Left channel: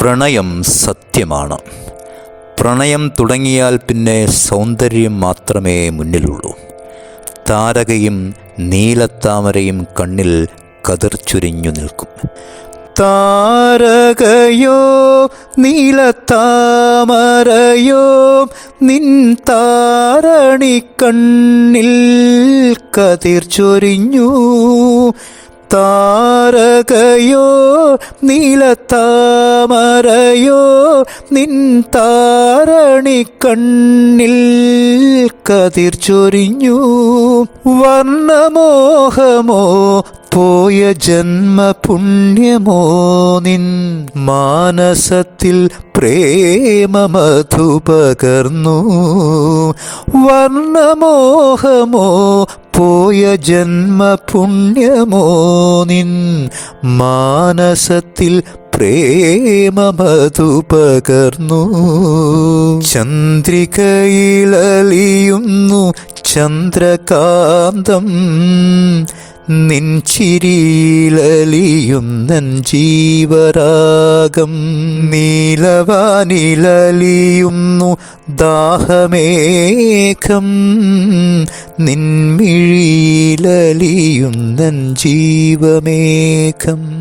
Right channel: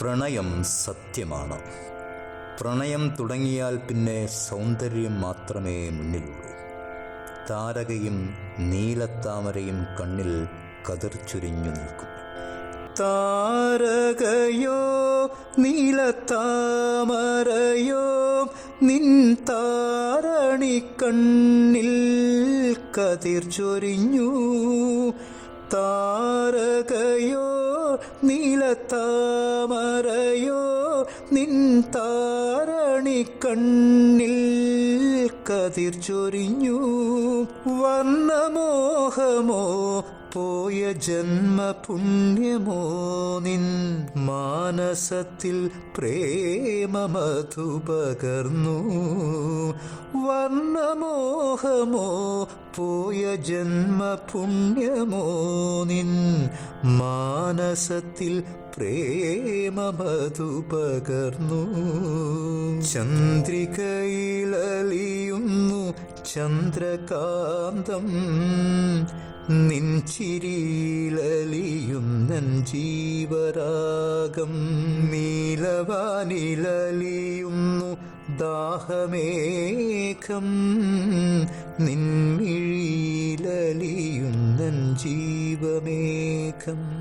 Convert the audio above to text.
പ്രണയം സത്യമാണ്. പ്രണയം തുടങ്ങിയാൽ പിന്നെ സൗന്ദര്യം മാത്രമേ മുന്നിലുള്ളൂ. താരകയും നീലത്താമരയും കണ്ണിൽ കതിർച്ചൊരിഞ്ഞു നിൽക്കും. താരകയോ നീലത്താമരയോ നിൻ താരണി കണ്ണിൽ കതിർച്ചൊരിഞ്ഞു. താരകയോ നീലത്താമരയോ നിൻ താരണി കണ്ണിൽ കതിർച്ചൊരിഞ്ഞു. വർണ്ണമോഹമോ പോയ ജന്മപുണ്യമോ നിൻ മാനസത്തിൽ പ്രേമമധു പകർന്നു. വർണ്ണമോഹമോ പോയ ജന്മപുണ്യമോ നിൻ മാനസത്തിൽ പ്രേമമധു പകർന്നു. ചന്ദ്രികയിലലിയുന്നു ചന്ദ്രകാന്തം, നിൻ ചിരിയിലലിയുന്നൻ ജീവരാഗം. നീലവാനിലലിയുന്നു ദാഹമേഘം, നിൻമിഴിയിലലിയുന്നൻ ജീവമേഘം.